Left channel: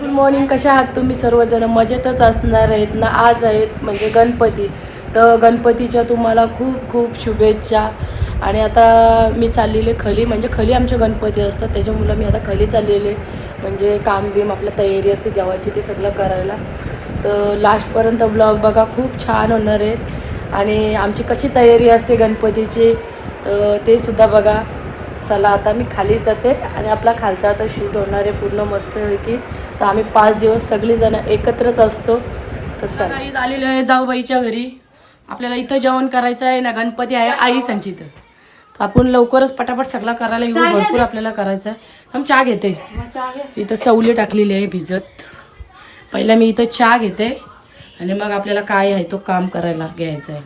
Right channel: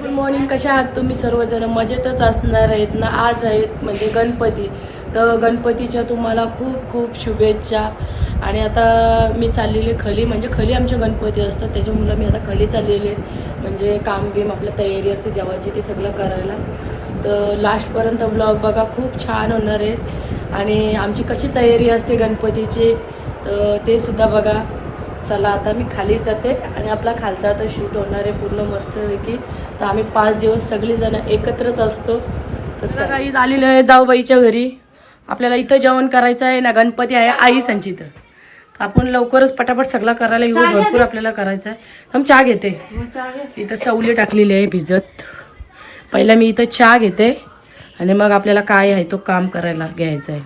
Good morning कशा आहात तुम्ही? सर्वजण मजेतच असणार आहेत ना? आज आहेत म्हणजे गणपती. तर गणपतीच्या तुम्हाला खूप खूप शुभेच्छा. आणि आता मी चाललेले खली म्हणजे खली आमचे गणपती असतात. त्याच्यामुळं मी आता खली चाललेले. म्हणजे काम बीम आपलं तयारी असते देवाची ते सगळं करायला. तर लास्टपर्यंत ब्लॉग बघा खूप छान होणार आहेत. आणि आमची कशी तयारी असते गणपतीची तर ते सुद्धा बघा. चला आता मी खाली जाते आणि आपला खालचा आता शूट होणार आहे पूर्ण मस्तपैकी. तर आम्ही पाच दिवस सगळीजण एकत्रच असतो. तर चला. आलेलो आहे जाऊबाईच्या घरी. आपल्याला इथं जेवण करायचं आहे ना गणपती आहे आई संचित तर आपण लवकरच पटापट सगळा करायला येऊ भरपूर आपल्याला करायचं आहे. हम चहा घेते. इथं चवली टाकलेली आहे भिजत. पहिला मी इथं चहा घेते आणि मग आपल्याला काय आहे तो काम करायला घ्यायचं आहे.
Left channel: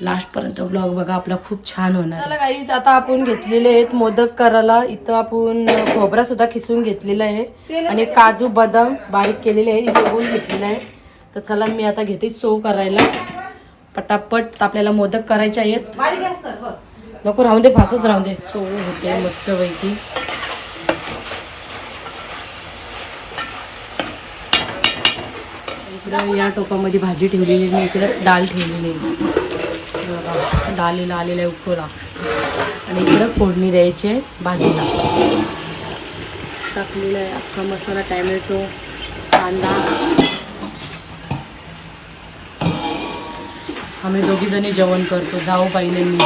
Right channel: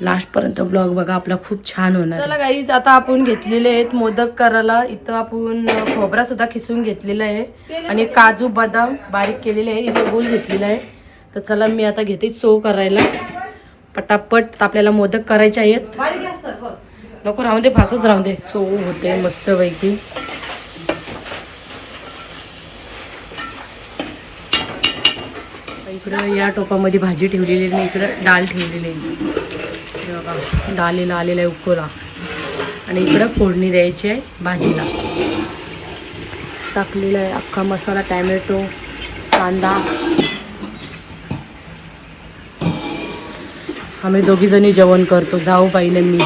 लास्टपर्यंत ब्लॉग बघा आपला खूप छान होणार चला गाईज आता आपण घेतलेले आहेत मोदक करायला. इथं आपण खोबरा सुद्धा खिसून घेतलेला आहे. आणि काजू बदाम बारीक केलेले आहे. इथे गोल घेतलेला आहे. तर चला मी आता घेते चव करायला. पटापट आपल्याला मोदक करायचे आहेत. नको राहून दे फासच राहून दे. चव होते मस्तपैकी. इकडं या टोपामध्ये भाजी ठेवलेली आहे. आणि इकडं डाळ ठेवलेली आहे. बघा डाळीला आलेला आहे उकोला. आणि इकडं फोडणी द्यायची आहे भाजीला. टाकलेला आहे अख्खा मसाला टॅमॅटो कांदा. आम्ही दोघीजणी जेवण करतो. जाऊ पाहिले मी.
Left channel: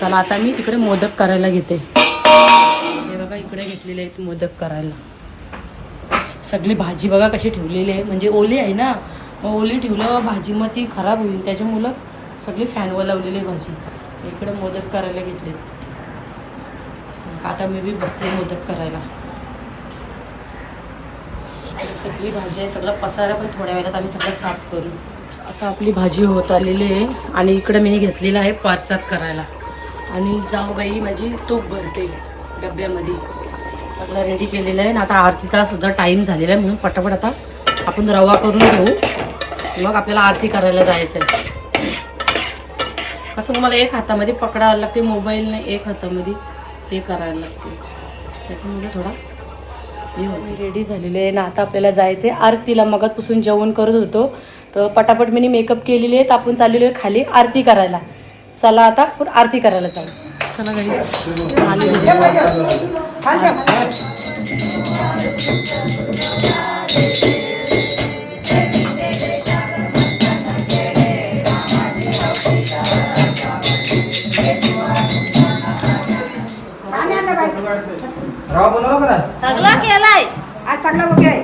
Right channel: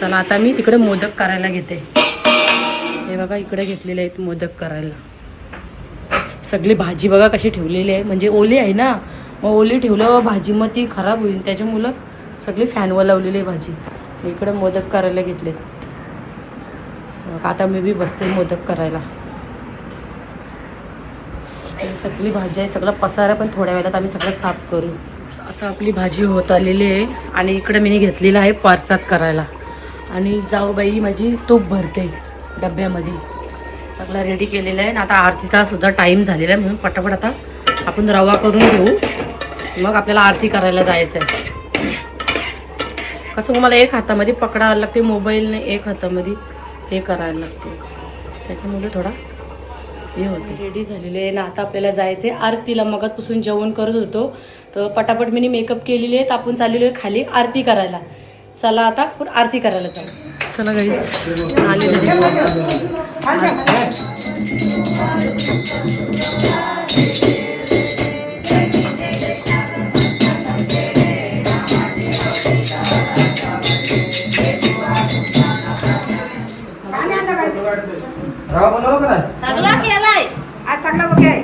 चला आता मी तिकडे मोदक करायला घेते. हे बघा इकडे घेतलेले आहेत मोदक करायला. सगळी भाजी बघा कशी ठेवलेली आहे. म्हणजे ओली आहे ना? मग ओली ठेवलं भाजी मग ती खराब होईल. त्याच्यामुळं सगळी फॅनवर लावलेली आहे भाजी. इकडं मोदक करायला घेतले. आता मी बी बसते मोदक करायला. सगळी भाजी आहे. सगळं पसारा पण थोड्या वेळात आम्ही सगळं साफ करू. आता आपली भाजी होत आलेली आहे आणि इकडं मी घेतलेलं आहे पारसात करायला. आणि जाऊबाई माझी तूप भरते डब्यामध्ये. सगळं रेडी केलेलं आहे. आणि आता आरतीचा सुद्धा टाईम झालेला आहे म्हणून पटापट आता आपण रवा करून घेऊ. मग आपल्याला आरती करायला जायचं आहे कसं मला एक हातामध्ये पकडायला लागते मोबाईल नाही एक हातामध्ये हे करायला लागते. त्याच्यामुळे थोडा हे होतं. रेडी झालेले आहे. ना आता आपल्याला जायचं आहे आरतीला मगातपासून जेवण करत होतो. तर पटापट मी मेकअप केलेली आहे. तर आपण चाललेलो आहे खाली आरती करायला. चला आता आपण आरती करायला जाऊ. चला घरी. आली. रवा बनवला का नाही? सगळं केलाय आज चांगला ओके आहे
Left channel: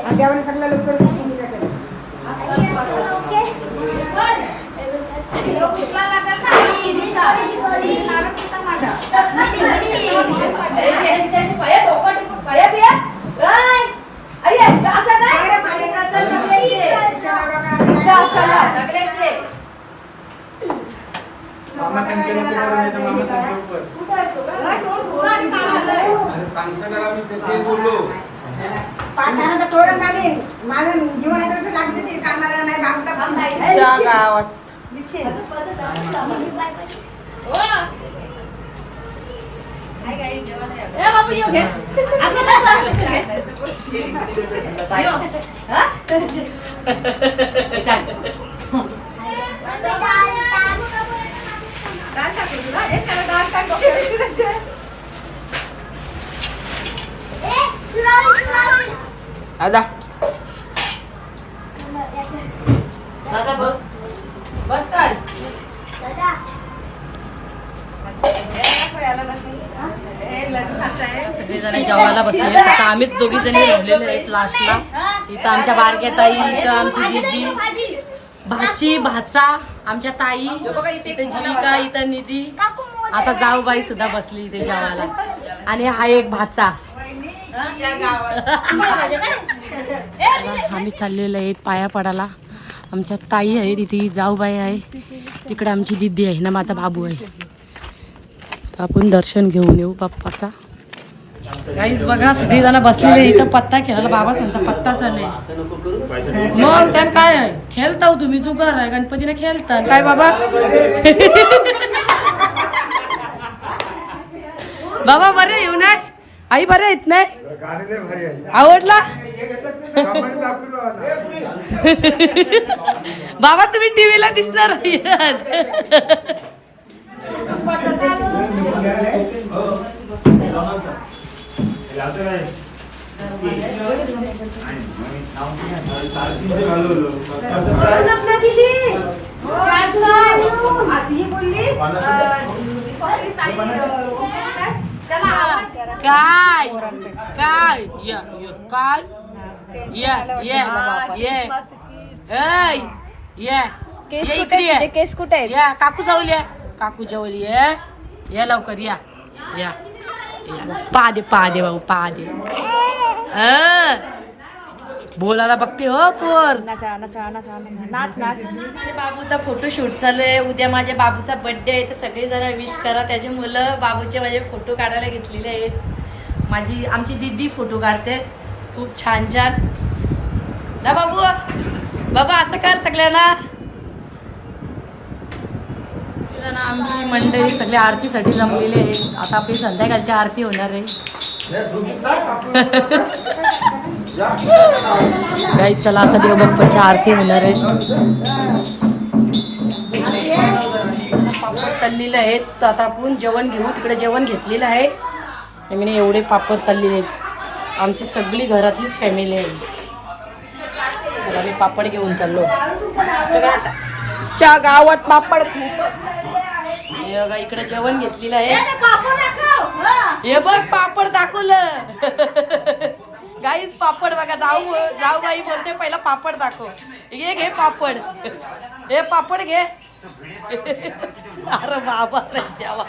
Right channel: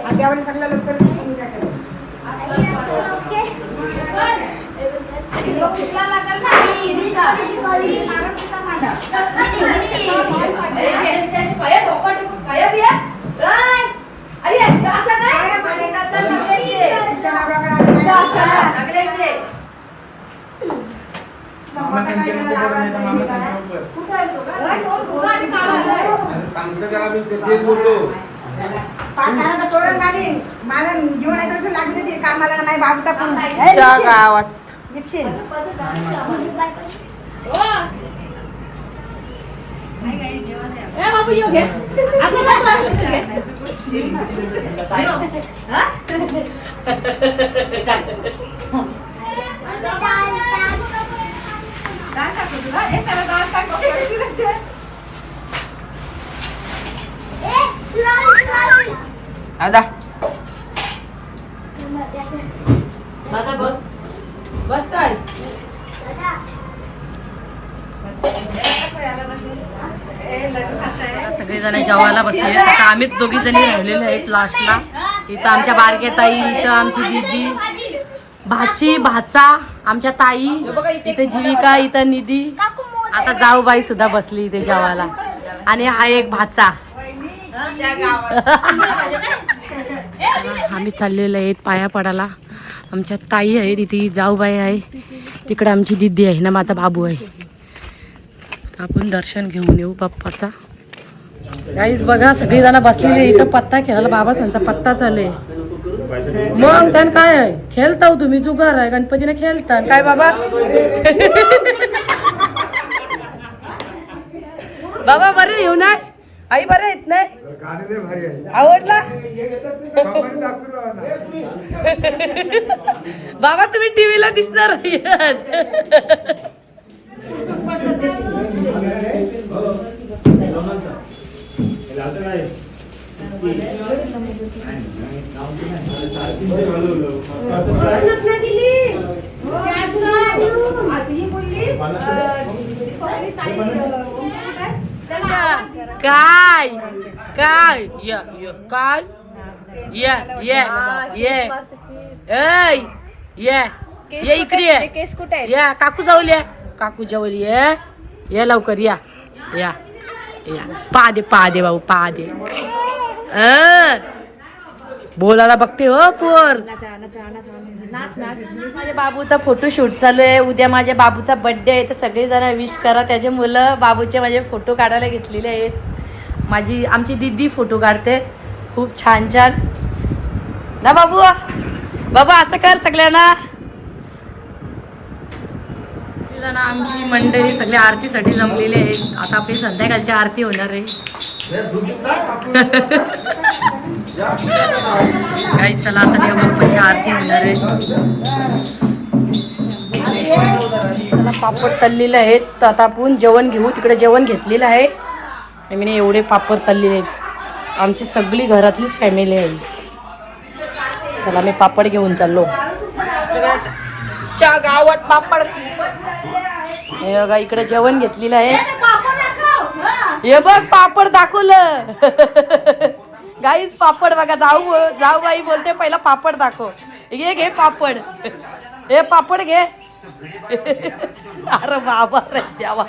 आज यावेळेस चांगला लवकर कुठला लागेल ना नारळ कुठला मांडा त्याचे पाया डोकं डोकं पाया बिया काय आई असं काय मालिकाचं सगळ्याचे सगळ्याचे मामा संचलन ते तर मामा काला. अरे सांगतो त्याला मी ते- बोललो तोरण घालीन. माझं जीवन आहे तसं लागते ते कामाला नाही भागता पण. च्या गावात दीपशील. ए बाबू येऊ घे आता कसं घे हा? डाळ टाकू तुला? ए, त्याला डाळ टाक, ओके, ओके, ओके. दादा दादा बस. बस काय? खाताय. सगळेजण जेवायला बसले आता आम्हीच दोघी जणी राहिलेले आहेत लास्टला इथं आमच्या बारक्या ताई इथं आमची दीदी. भाची भाचा आमच्या ताई इथे जीविका इथं निधी. आता जाऊबाई सुद्धा बसली इथे जेवायला. आणि हा एक भाचा. आम्ही चाललेलो आहेत पाया पडाला आमच्या ताई आहे तिथे जाऊबाई आहे. तिकडे आमची दिदी आहे ना माझा बाबू आहे. आपण दर्शन घेऊन येऊ बाप्पाचा काहीच बघा सगळी जण बसलेले इथं पत्ता खेळला बाबा सांगता पत्ता चालू आहे मग त्यान काय आहे? खेळता तुम्ही जुगार आहे. गणपतीने खेळता काय बाबा? बाबा बरे येऊ ना. आहे आवडला बाबांनी दाखवलं मला. बाबा तुम्ही टीव्हीला दिसणार नाहीयेत. काय काय या या काय या या ये ऐ ये ये इकडे ये. केस कुठे या काकू जाऊल या. काकू जाऊल ये. या लवकर या. या. या. पा दे पा दे भाऊ पा दे. बोलायला बघते हो पोर. नाचा माझ्या बाबूचा फोटो शूट चालू आहे. उद्या माझ्या बाबूचा बर्थडे आहे. तर सगळे जण विश करा. त्याचे मुलं बाबूचे माझे फोटो काढायला घेतलेले आहेत. माझी आमची दीदी फोटो काढते. खूप छान छान. ना बाबू बाबा असं कर सगळ्यांना. आमची मंडळी सगळ्या आरतीसाठी जमलेले आहेत आता आपली संध्याकाळची आरती होणार आहे. काही चला आता देवबाप्पाची आरती होणार आहे. पापड तललेलं आहेत. तर आता आपण जेवण घेऊ. तिकडे जेवण घेतलेलं आहे. आणि मी एवढे पापड तळलेले आहेत. आमची सगळी घरातलीच फॅमिली आहे. चला मी पापड घेऊन चाललो. च्या गावात पापड. हे बघा इकडे जेवण घेतलेलं आहे. हे. बघ पापड दाखवलं. गाईच पापड बघा जाऊ जाऊ बाई बोलते पहिला पापड दाखव. घे घे पापड. हे पापड घे. अरे बाबा रे देवा.